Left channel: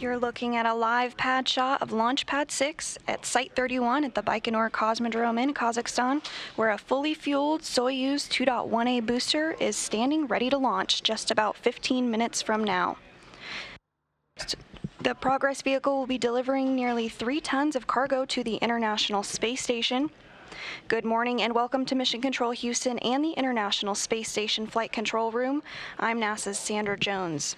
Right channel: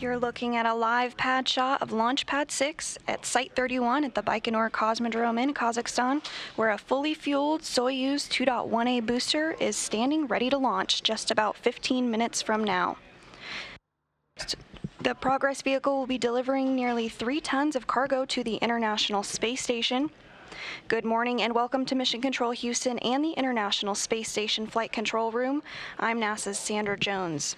You're looking at a live pad shot of Launch Pad 6 at Site 31 at the Baikonur Cosmodrome in Kazakhstan, where a fully fueled Soyuz 2.1A booster is standing ready to launch just about 15 minutes from now. The Progress vehicle will be delivering nearly 3 tons of cargo to the International Space Station. Good morning and welcome to Mission Control Houston and the International Space Station Flight Control Room. I'm NASA's Sandra Jones.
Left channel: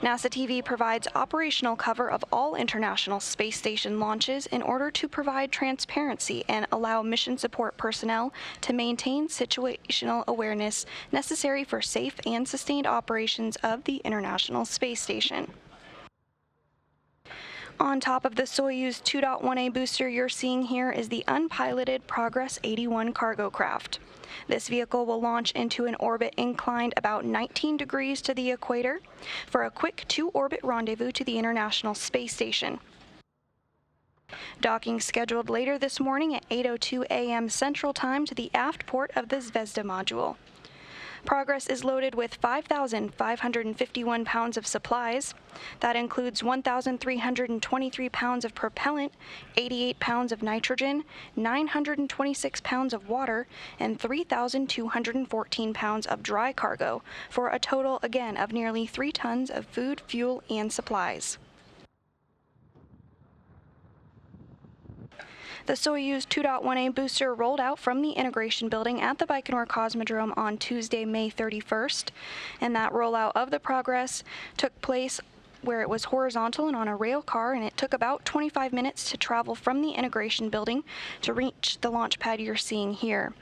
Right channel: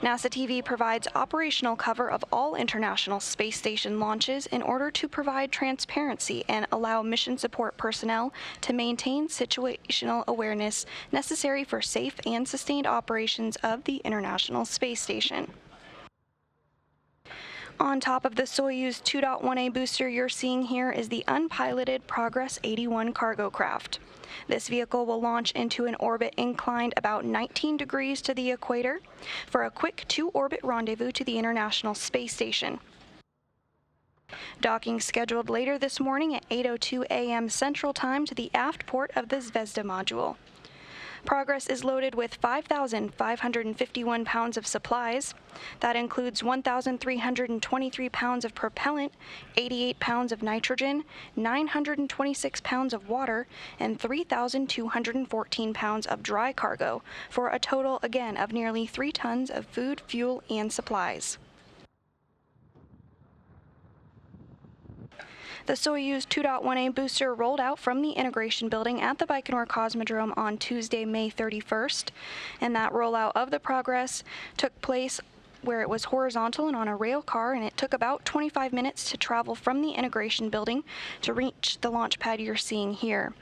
NASA TV provides operational cover of all International Space Station launches in order to provide transparency and allow mission support personnel to maintain situational awareness necessary for safe and sustained operations of the International Space Station. On top of the Soyuz 2.1A booster you're seeing here is the unpiloted Progress 81 cargo craft. This vehicle will launch into an orbit inclined about 19 degrees to the equator for a quick 2-orbit rendezvous to the International Space Station. Docking scheduled later this morning at 8:02 a.m. Central Time to the aft port of the Zvezda module. Progress is loaded with 5,551 pounds of supplies. That includes 1,323 pounds of propellant, 88 pounds of nitrogen, 926 pounds of water, and 3,214 pounds of dry cargo, for a total, again, of nearly 3 tons of food, fuel, and supplies. The Soyuz 2.1A booster rolled out from the integration building at the Baikonur Cosmodrome on Tuesday, May 31st, and that rollout of the Progress took place where it was horizontal and on a rail car, and it took about 25 minutes to travel from the integration building to reach the launch pad you're seeing here.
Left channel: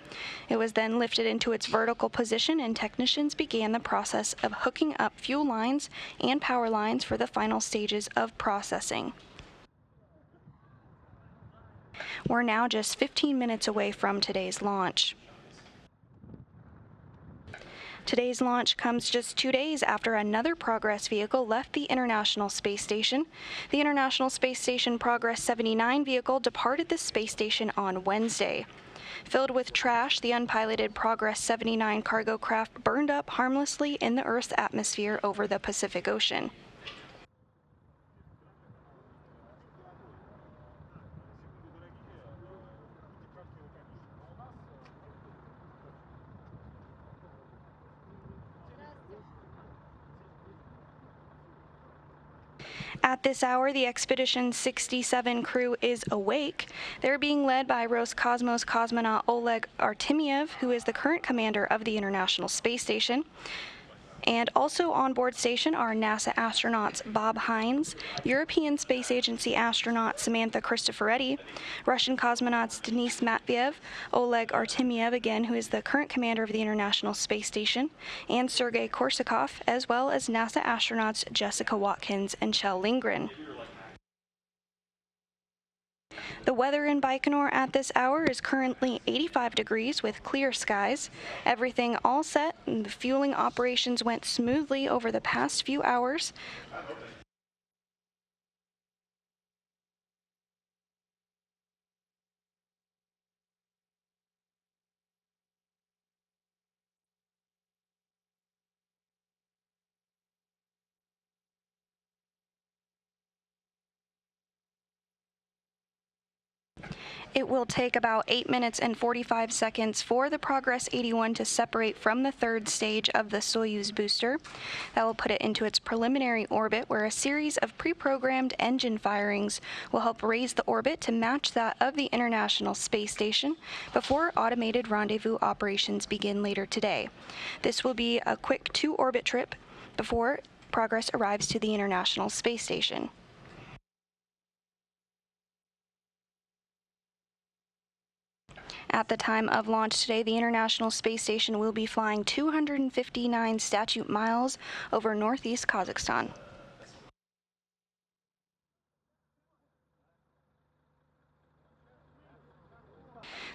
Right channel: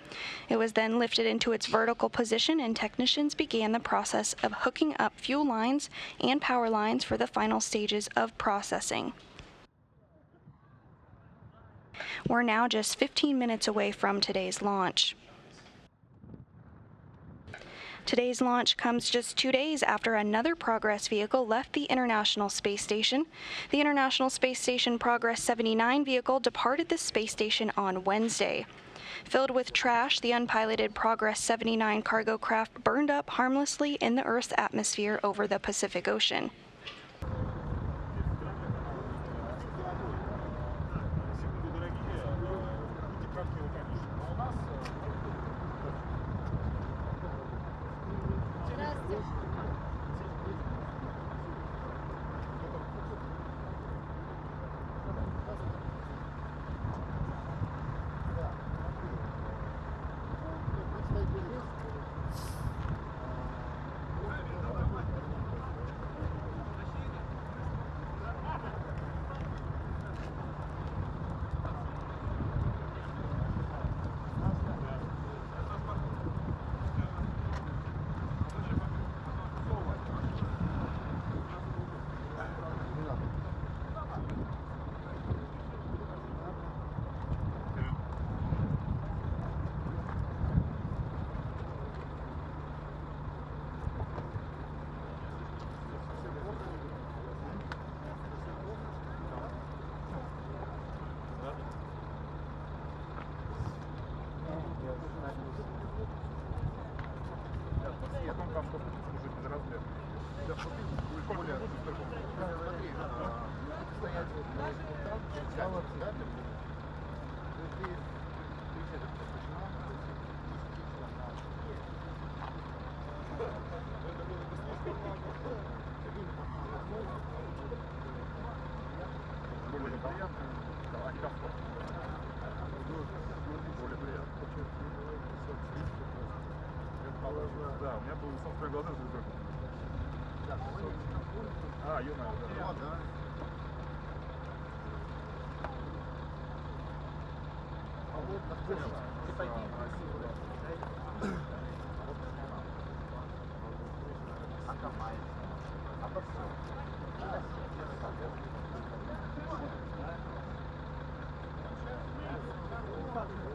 It was then lifted into its vertical position, and technicians began the process of hooking up fuel lines and power lines for the final stages of processing. We're now just 15 minutes away from today's launch. Today's launch comes just 2 days after another Progress vehicle left the International Space Station. The International Space Station Progress 79 vehicle departed the space station on Wednesday. Filled with trash, the unpiloted Progress 79 cargo craft burned up harmlessly in the Earth's atmosphere over the Pacific Ocean. At this hour, the Expedition 67 crew is awake. They're being led by Roscosmos cosmonaut Oleg Artemyev, who is the current commander of the International Space Station. And also on board station are NASA astronauts Bob Hines, European Space Agency astronaut Samantha Cristoforetti, Russian cosmonauts Denis Matveev, Oleg Artemyev, again, who is the current commander of the International Space Station, and Sergei Korsakov, as well as NASA astronauts Jessica Watkins and Kjell Lindgren. The weather in Baikonur at this hour is currently 85 degrees with clear skies. Everything all set, and the fueling operations went smoothly over the past few hours. It will take about 8 minutes and 45 seconds for the Progress 81 to separate from the third stage of the Soyuz booster. That will put it into its preliminary orbit, where a series of pre-programmed engine firings will help raise the orbit to match that of the International Space Station before automated rendezvous operations begin later today. This will be a quick 2-orbit trip before Progress arrives to the International Space Station. At the time of launch today, the International Space Station will be flying 259 statute miles over northeast Kazakhstan.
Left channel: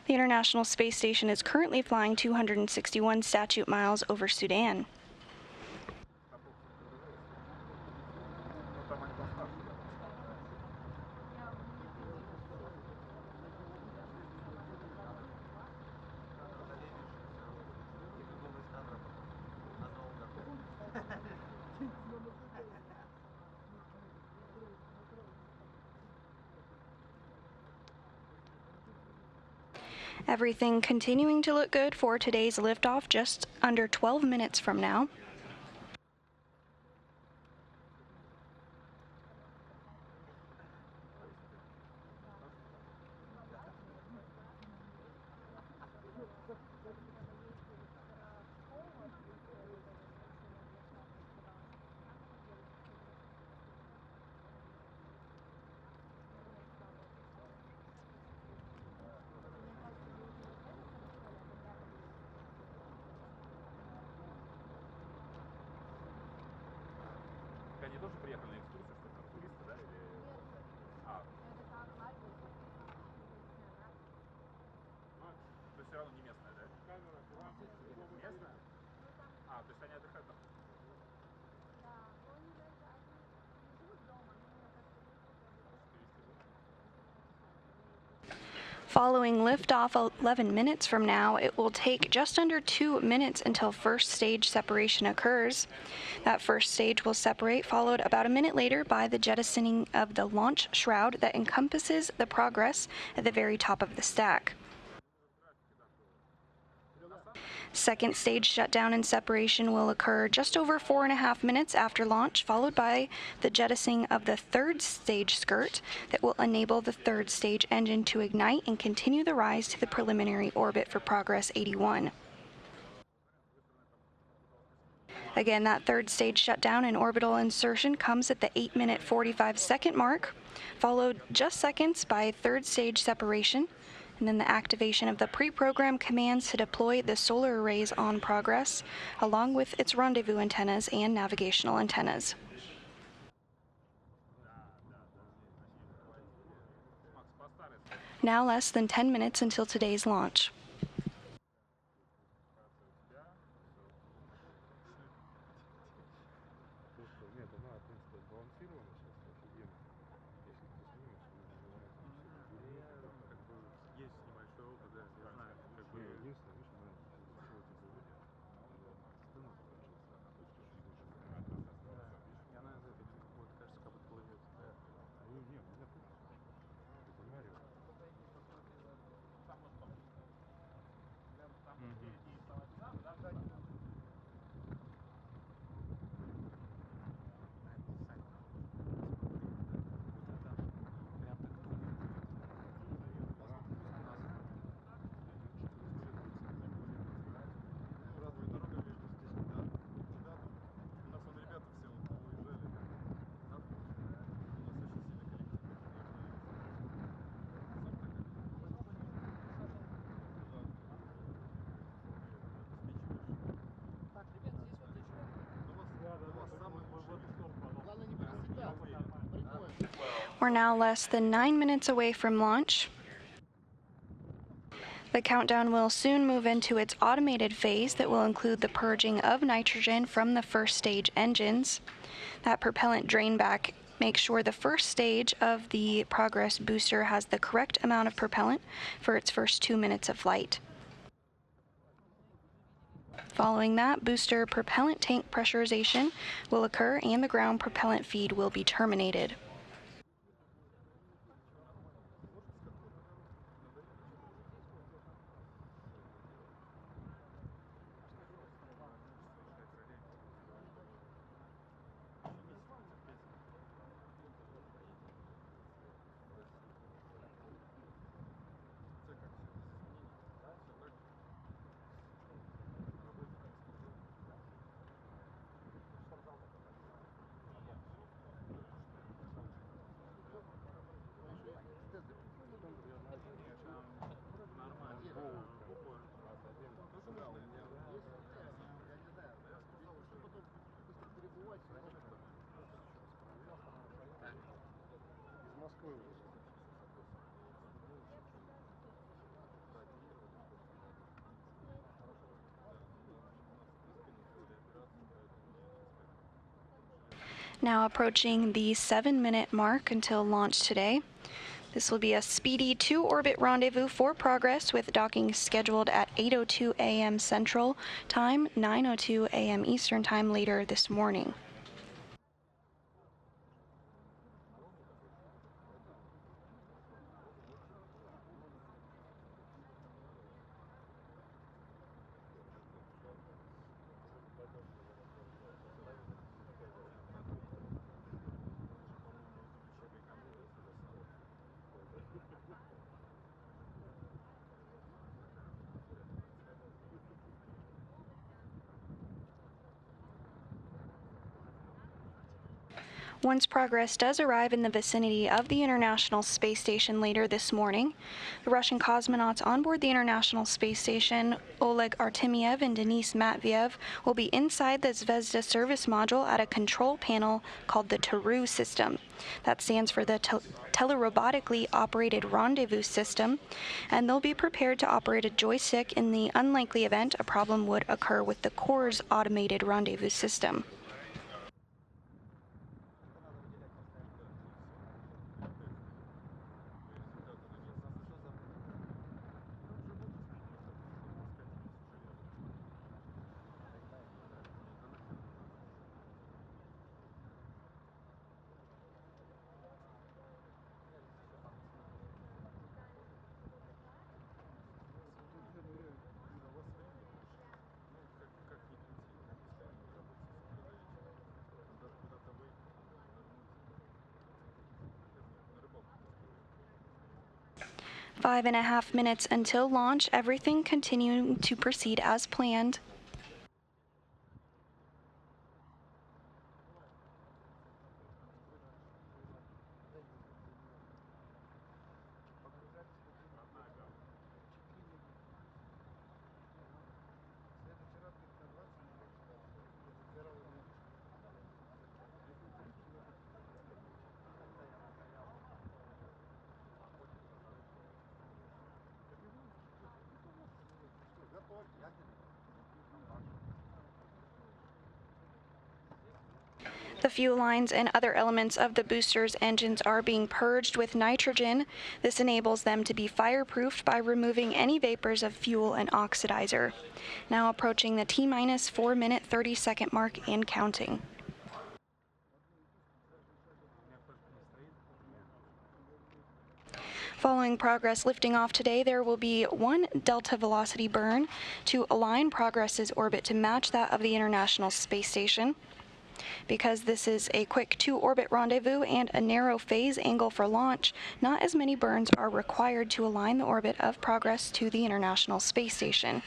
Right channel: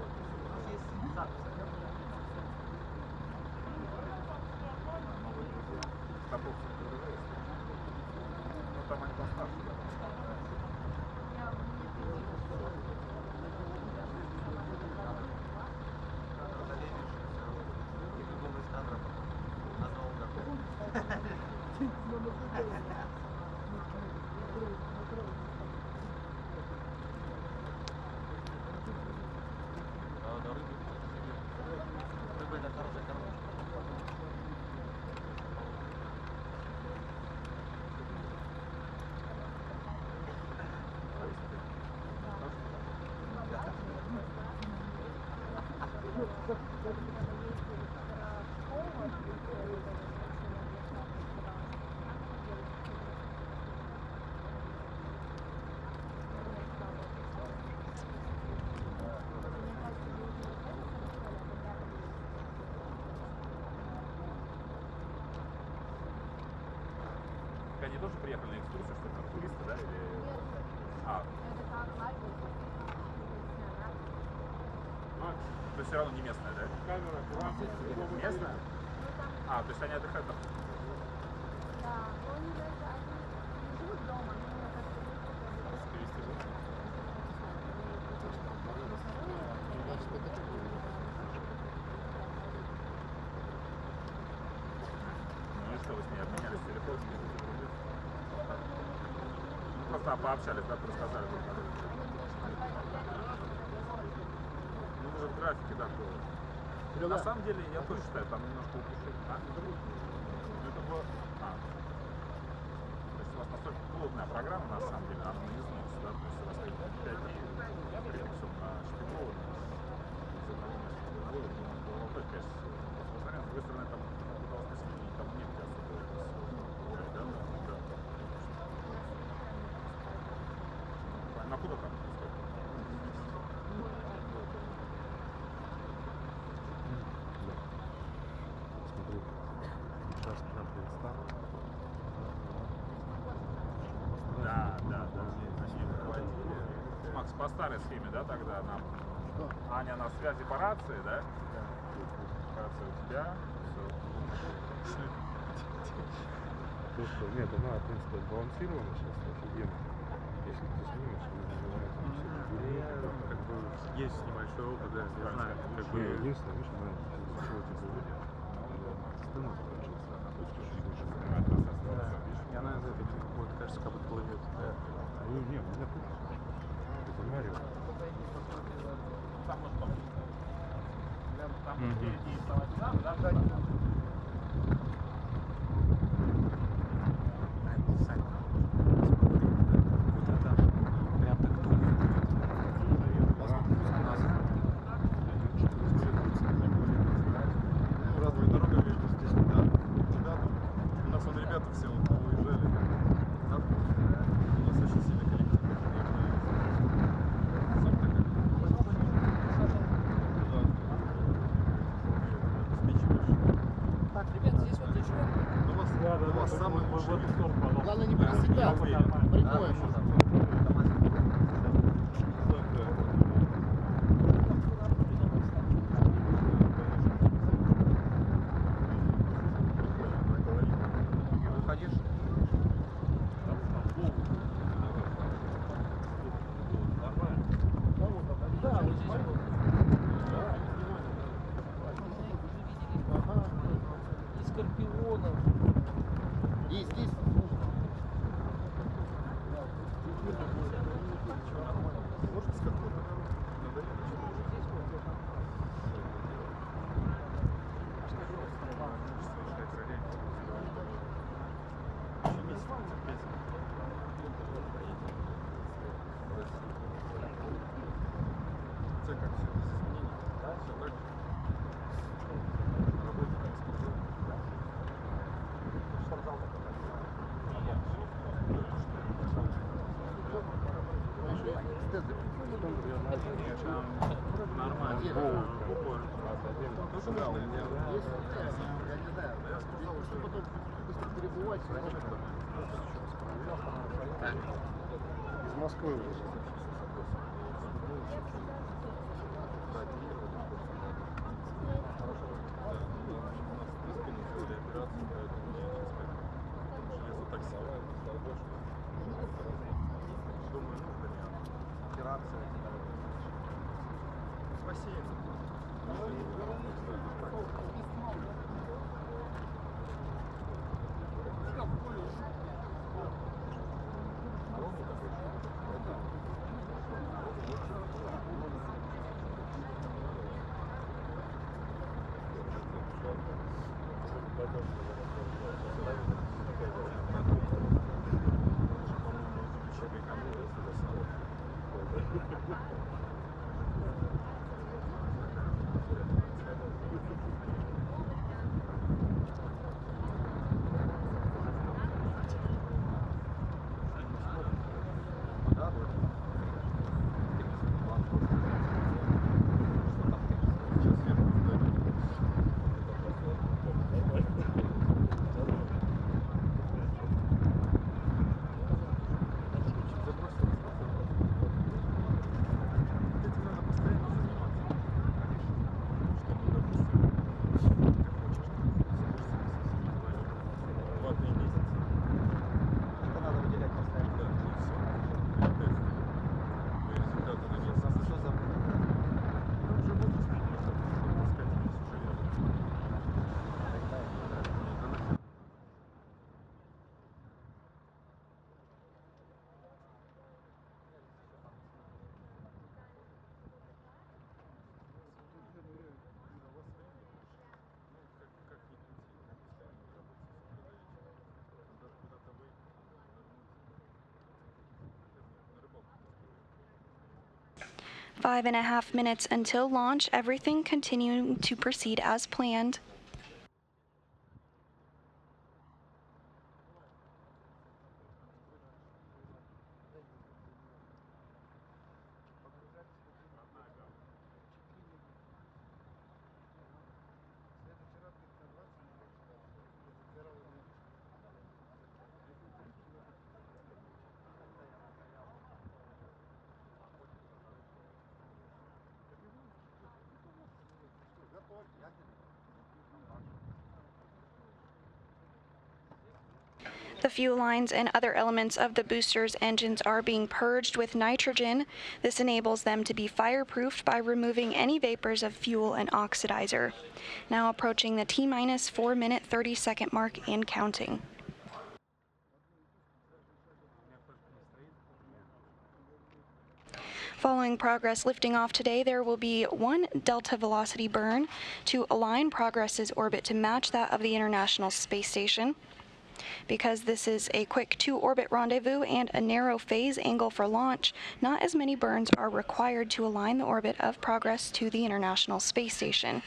The International Space Station is currently flying 261 statute miles over Sudan. Everything continuing to look good for today's liftoff just under 12 minutes from now. Они тоже приехали на экскурсию, что там туристы, да, или... А. То есть все равно не местная, да? Местная? А, то есть они отдыхают там? Following liftoff 11 minutes from now, it will take just under 2 minutes until first stage separation occurs. That first stage will separate, followed about a minute later by the jettisoning of the launch shroud that encompasses the Progress at the very top of the stack. Second stage shutdown and separation will occur just over 4.5 minutes after launch, followed by the jettisoning of the third stage skirt that will enable the third stage engine to ignite and continue the rise to the preliminary orbit for Progress 81. Again, that third stage shutdown and orbital insertion comes at the 8-minute 45-second mark, followed just seconds by third stage separation, and then the activation of the pre-programmed commands to deploy the solar arrays on Progress, along with its rendezvous antennas and navigational antennas. Now less than 10 minutes until today's launch. Нет, она, в принципе, сбалансирована сейчас офигенно. Если ты снимешь, она называет там все. Как бы есть небольшой опыт, да, я знаю. Как бы... Единственное, видишь, она чего тебе говорит, стыну закончился, она хочет очень больше. И она из этой, вот, кажется, как будто плывет. Ну, нет, у меня тут. Это Марио. We're now less than 9 minutes away from launch. The countdown will soon move into its automated phase that will include the purging of nitrogen from the first stage engines. That propellant drain back makes sure the first stage of the Progress booster has the correct amount of propellant for its first 2 minutes of flight. Following that, booster propellant tank pressurization will occur and the ground propellant feed will be terminated. Из Москвы уже. Now approaching the 7-minute mark until launch today. This will be a speedy 2-orbit rendezvous for Progress with docking scheduled at 8:02 a.m. Central Time, 9:02 a.m. Eastern Time later this morning. Once Progress does arrive in the vicinity of the International Space Station later this morning, the Russian cosmonauts on board the International Space Station, Oleg Artemyev and Denis Matviev, will be inside the Zvezda service module at a control panel called the TARU system. That stands for the telerobotically operated rendezvous system, and they'll be prepared to operate a joystick in the unlikely event a problem would occur with the core's automated rendezvous system. Five and a half minutes until launch, everything continuing to proceed as planned. The fuel lines and other elements of the booster's engines are being purged with nitrogen. This enables them to be fireproofed by removing any vapors of fuel and oxidizer. Now approaching the T-minus 4 minute 30 second mark and counting. Following Progress lifting off today, there will be one delta velocity burn to align Progress's orbit to match that of the International Space Station. Because this is a quick two-orbit rendezvous and a narrow phase angle for launch, not as many burns are required to align the orbit of Progress to the International Space Station.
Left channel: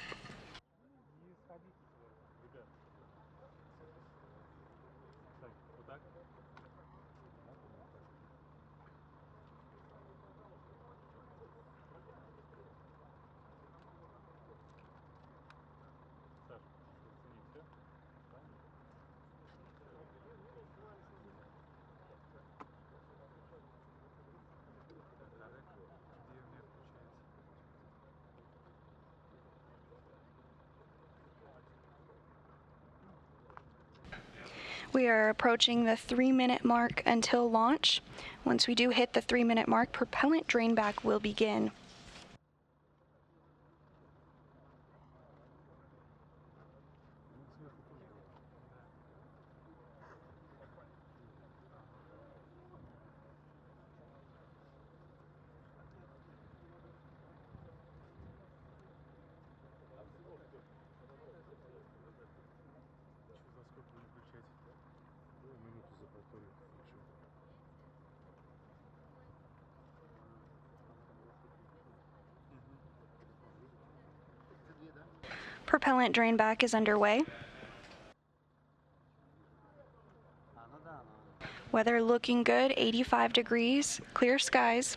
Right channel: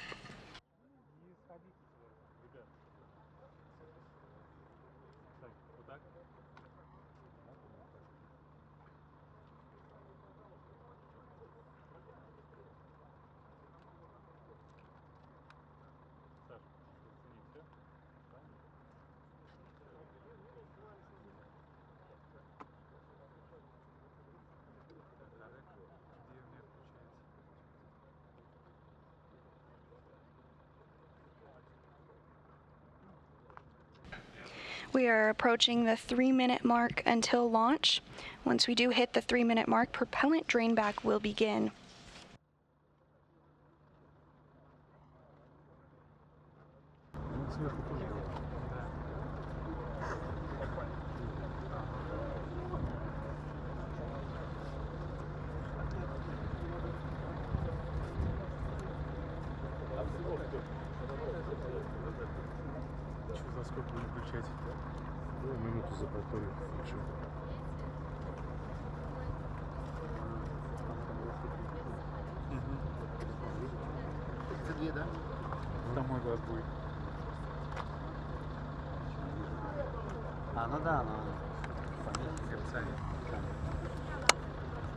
We are approaching the 3-minute mark until launch. Once we do hit the 3-minute mark, propellant drain back will begin. Минуту запортовик включу. Propellant drain back is underway. Weather looking good, 85 degrees, clear skies.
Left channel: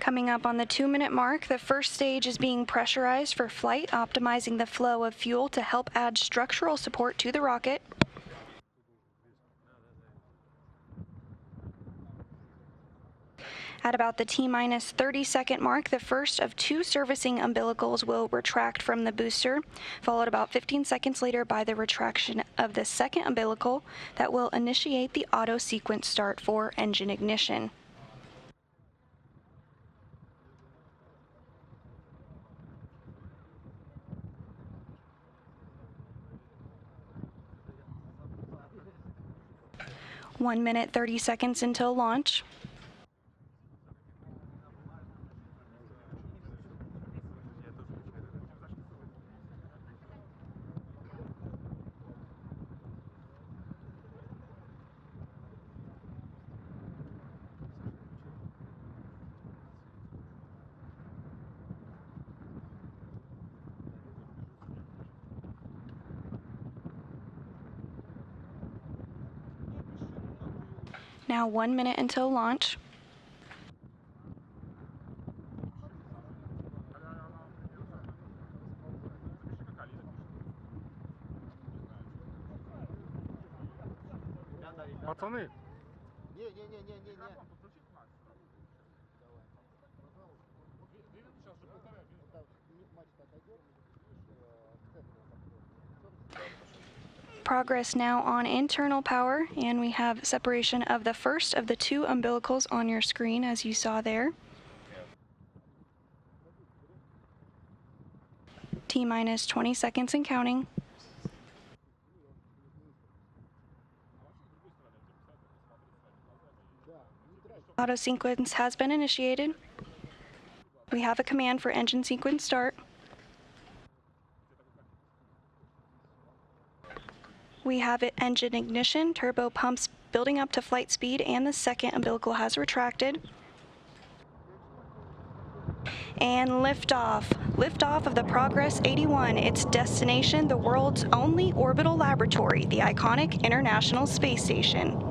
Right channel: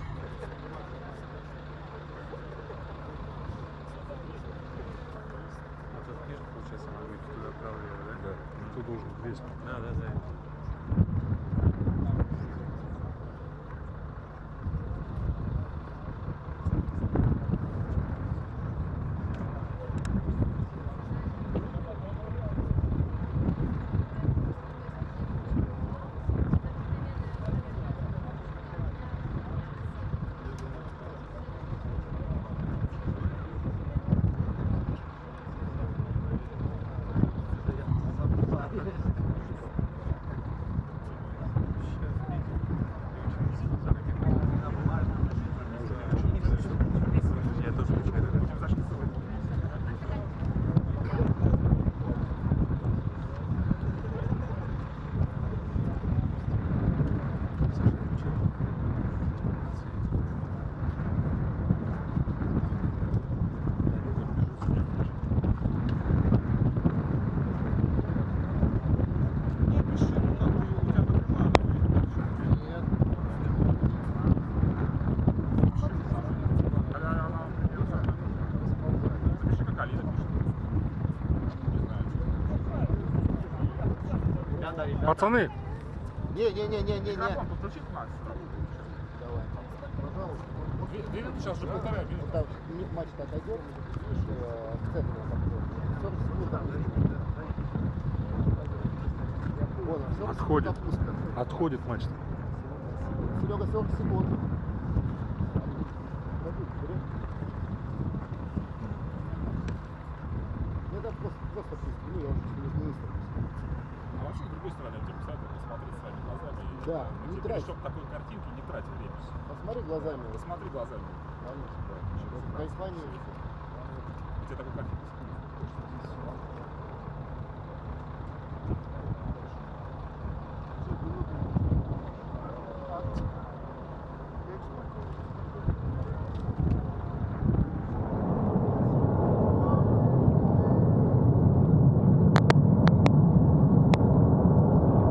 Coming up on the 2-minute mark, the first stage is being pressurized for flight, optimizing the flow of fuel to help add structural support to the rocket. At about the T-minus 30 second mark, the first of 2 servicing umbilicals will retract from the booster, followed about 15 seconds later by the retraction of the second umbilical that will initiate the auto sequence start for engine ignition. 1 minute 30 seconds until launch. Now 1 minute until launch. Пацаны, Не-не-не-не-не. Подключить Макс. давай, пожалуйста. Две минуты, сейчас уже полтора минуты. Вот так мачта отойдет, видишь, в центре Progress now on internal power, and we have separation of the first of the two umbilicals on your screen, as you saw there. T-minus 20 seconds and counting. Auto sequence has been initiated. We have a command for engine sequence start. We have it engine ignition, turbo pumps building up to flight speed, and the second umbilical has retracted. And liftoff. Liftoff of the Progress 81. Its destination, the world's only orbital laboratory, the iconic International Space Station.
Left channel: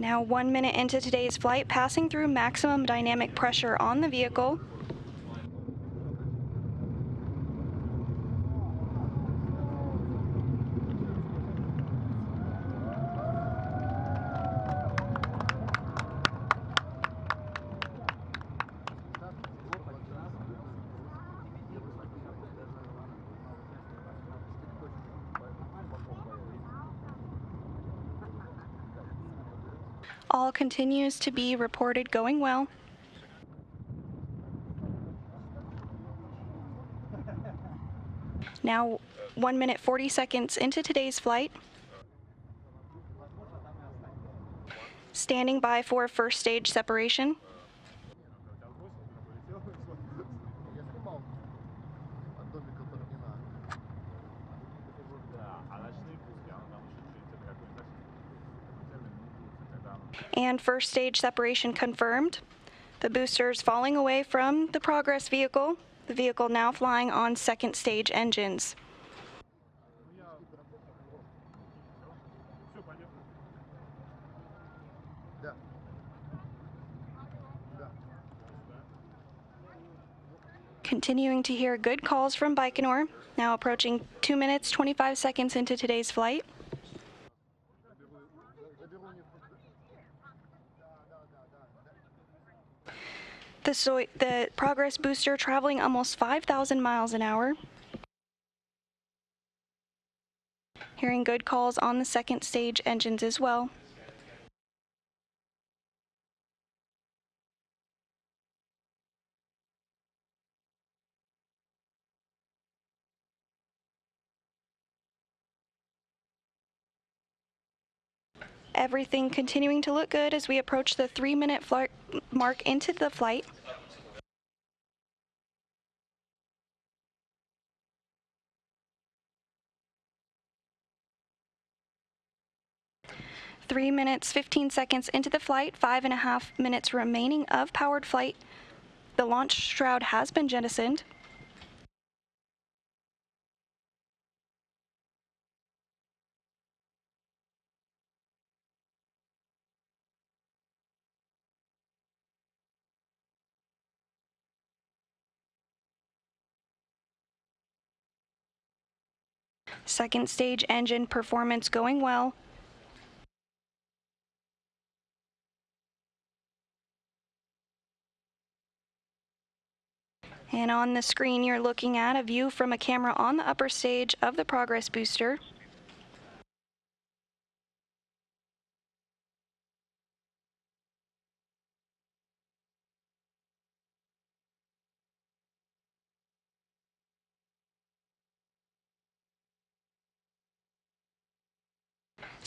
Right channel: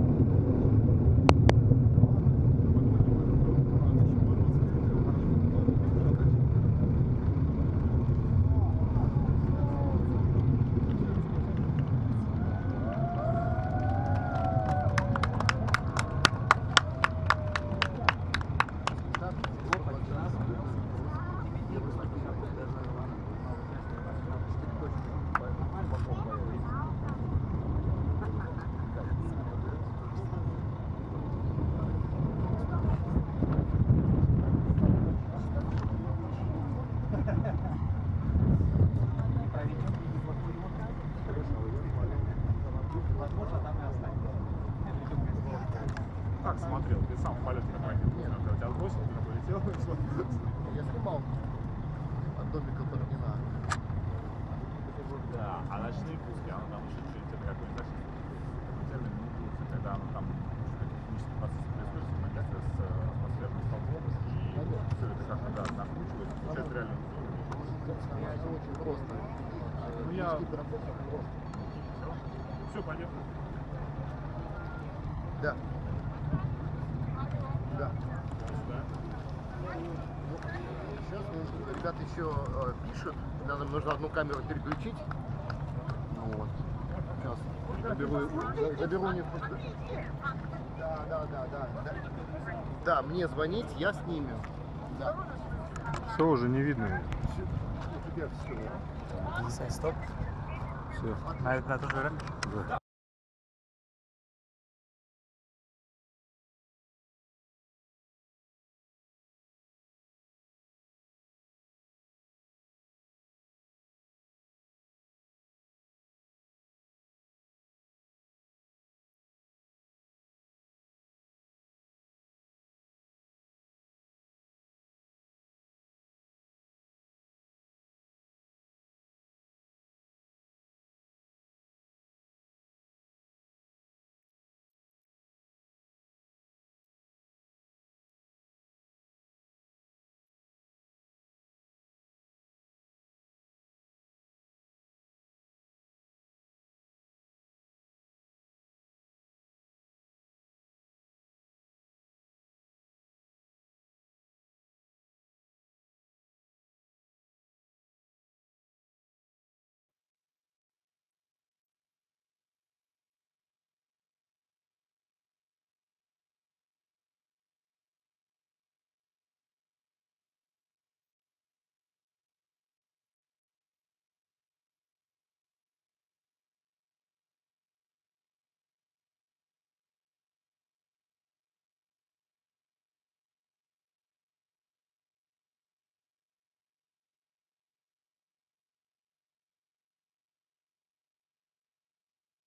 Now 1 minute into today's flight, passing through maximum dynamic pressure on the vehicle. All continues to be reported going well. Now 1 minute 40 seconds into today's flight. Standing by for first stage separation. And first stage separation confirmed. The boosters falling away from the Progress vehicle. The vehicle now flying on second stage engines. Continuing to hear good calls from Baikonur. Now approaching 2 minutes 25 seconds into today's flight. The Progress booster traveling almost 5,000 miles an hour. Hearing good calls on the second stage engines as well. Everything continuing to look good as we approach the 3-minute mark into the flight. Three minutes, 15 seconds into the flight, 5.5 minutes remaining of powered flight. The launch shroud has been jettisoned. Second stage engine performance going well. And on the screen, you're looking at a view from a camera on the upper stage of the Progress booster.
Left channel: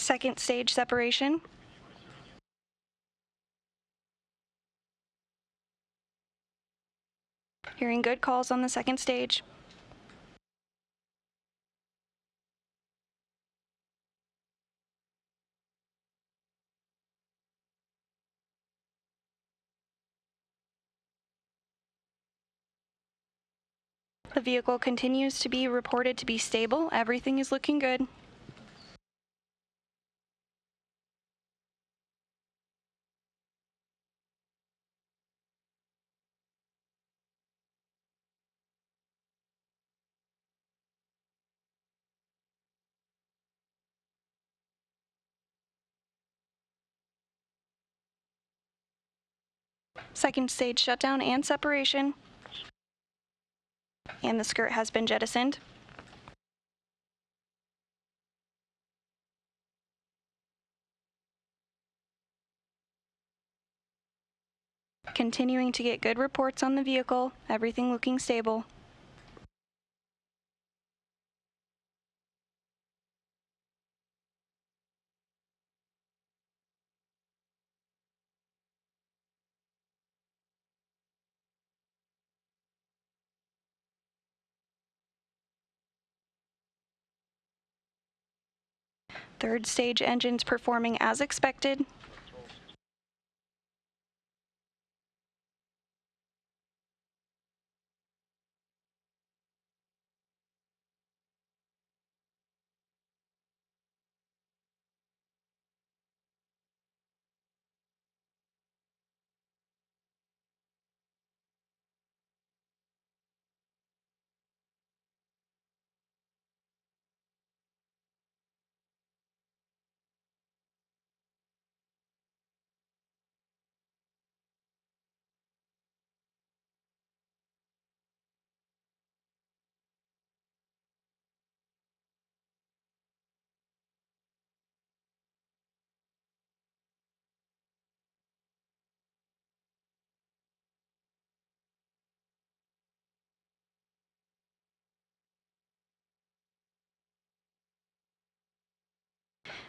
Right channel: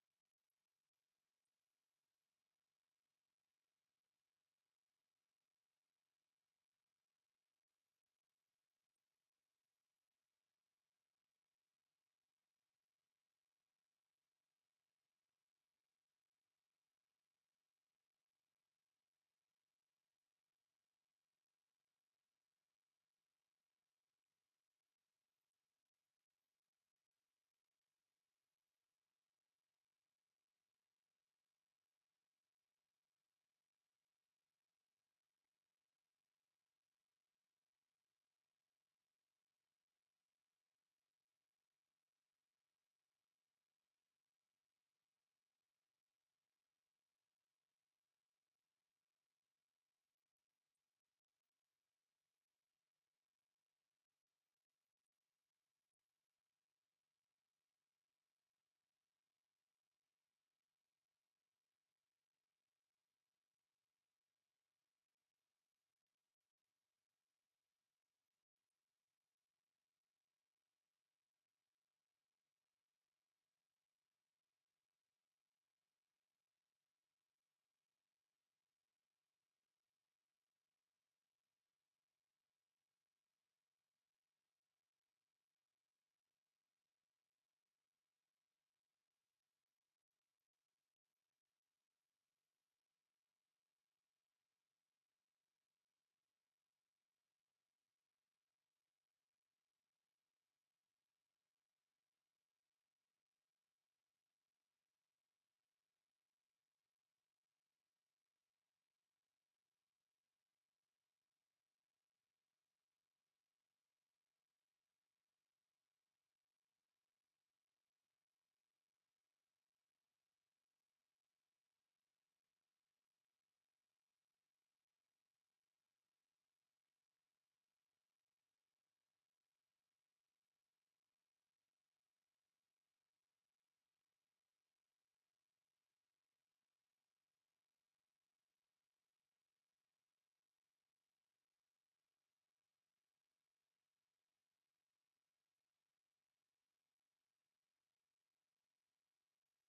Second stage separation. Hearing good calls on the second stage. The vehicle continues to be reported to be stable. Everything is looking good. Second stage shutdown and separation. And the skirt has been jettisoned. Continuing to get good reports on the vehicle, everything looking stable. Third stage engines performing as expected.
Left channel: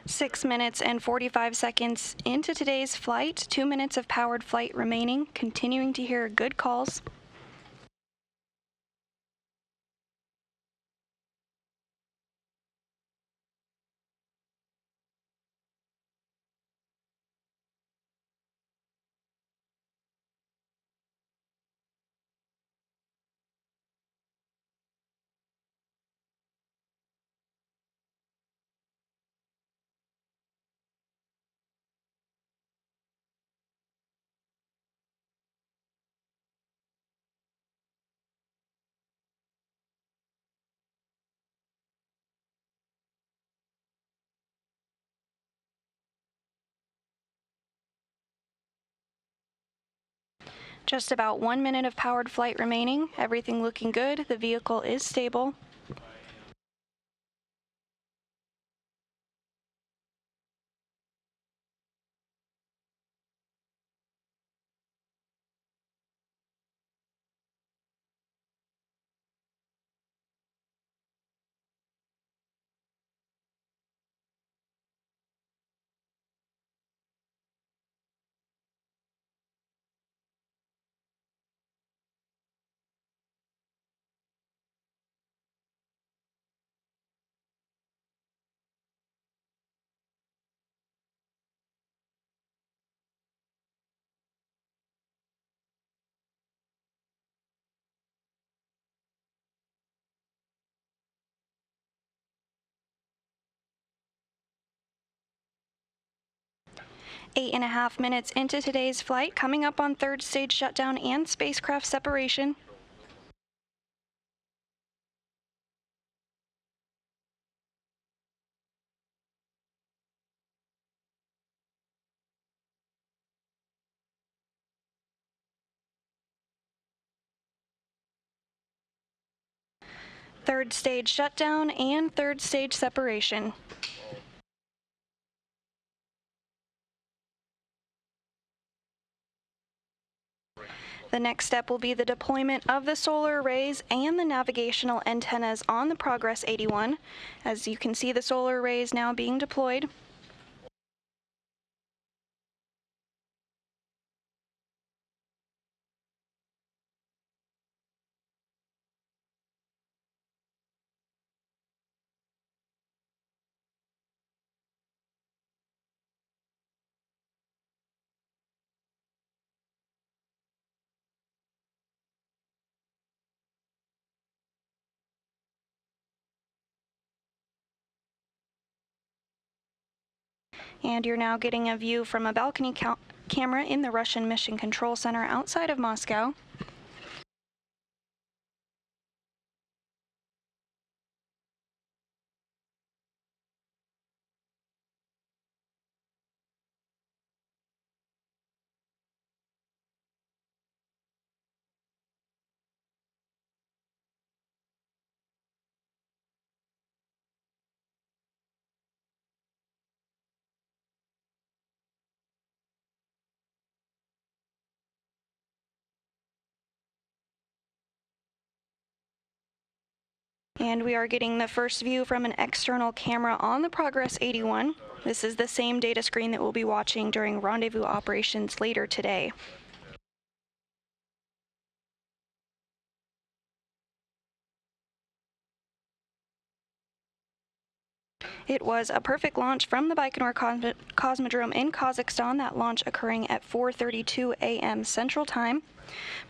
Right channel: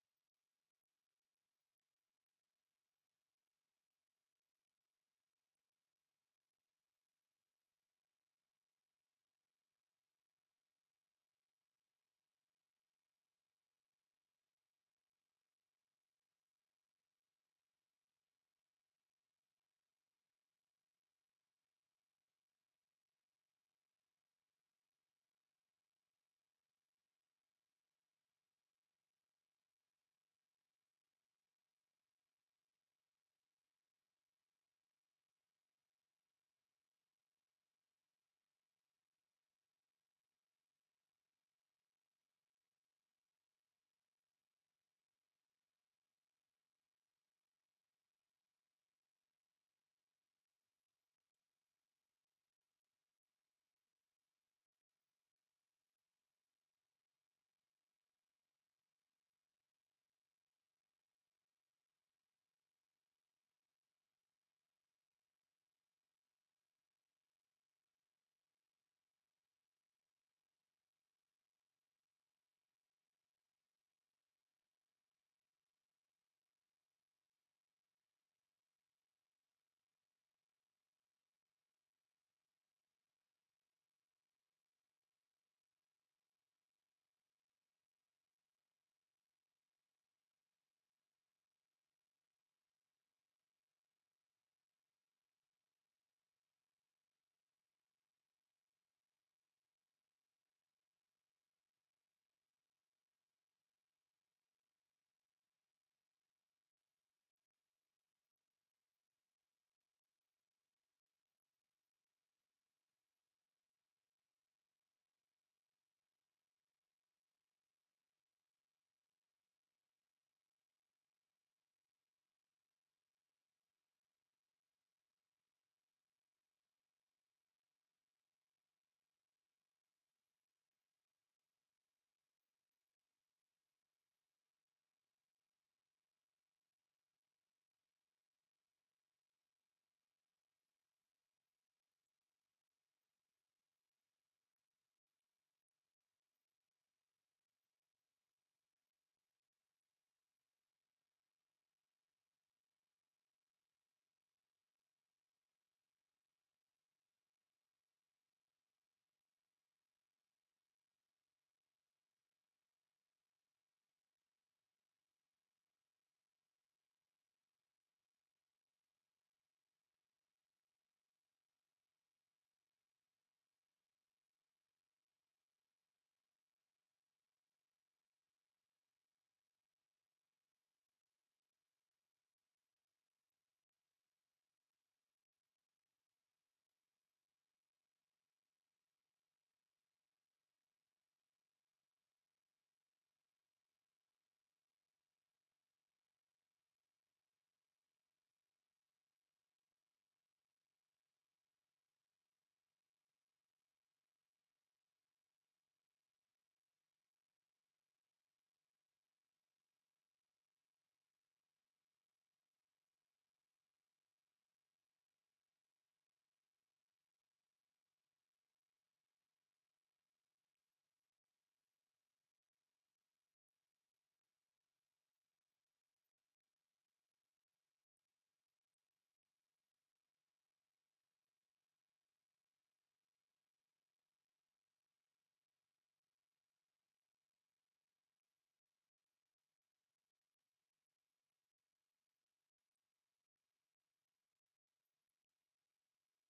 Six minutes and 45 seconds into today's flight, 2 minutes of powered flight remaining, continuing to hear good calls. Just about 1 minute of powered flight remaining, everything looking good, the vehicle is stable. Eight and a half minutes into today's flight, coming up on third stage shutdown and spacecraft separation. third stage shutdown and third stage separation. The next step will be the deployment of the solar arrays and the navigational antennas on the Progress 81. As you can see, the solar arrays now being deployed. And you're now getting a view from a balcony camera in the Russian Mission Control Center outside of Moscow. And we are getting the first view from an external camera on the Progress 81. This is the same data screen that we'll be watching during rendezvous operations later today. It was a perfect launch from the Baikonur Cosmodrome in Kazakhstan, that launch occurring at 4:32 a.m. Central Time.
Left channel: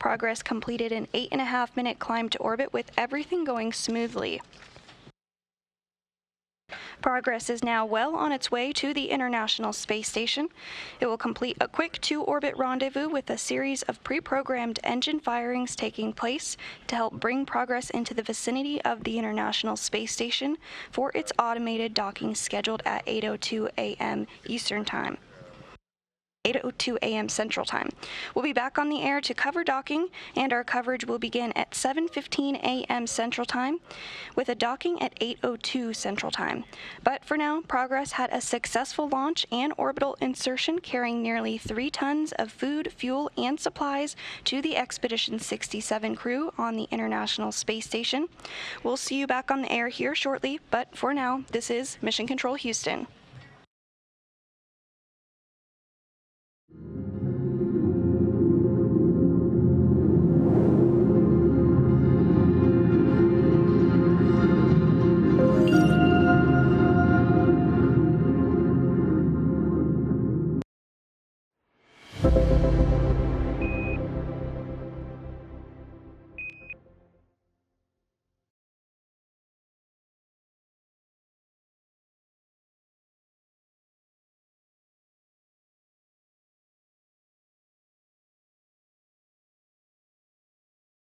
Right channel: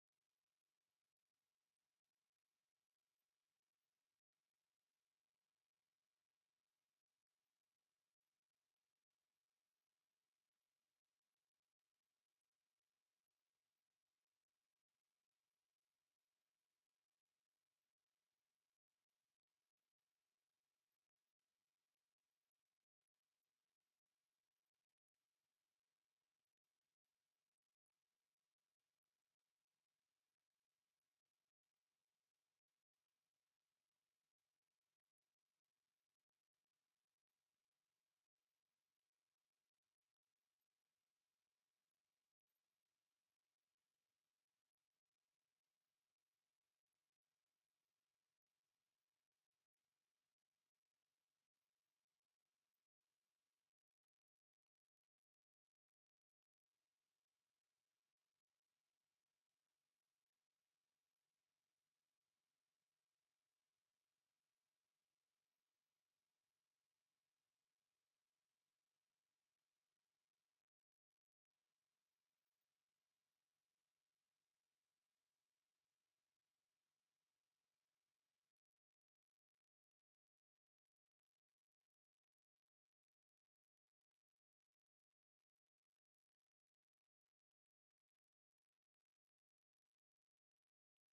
Progress completed an 8.5-minute climb to orbit with everything going smoothly. Progress is now well on its way to the International Space Station. It will complete a quick 2-orbit rendezvous with a series of pre-programmed engine firings taking place to help bring Progress into the vicinity of the International Space Station for its automated docking scheduled at 8:02 a.m. Eastern Time. 8:02 a.m. Central Time. We'll be back on the air to cover docking, and our coverage will begin at 7:15 a.m. Central Time with a docking at 8:02 Central Time. But for now, Progress had a successful launch and orbital insertion carrying nearly 3 tons of food, fuel, and supplies to the Expedition 67 crew on the International Space Station. We'll see you back on the air here shortly, but for now, this is Mission Control Houston.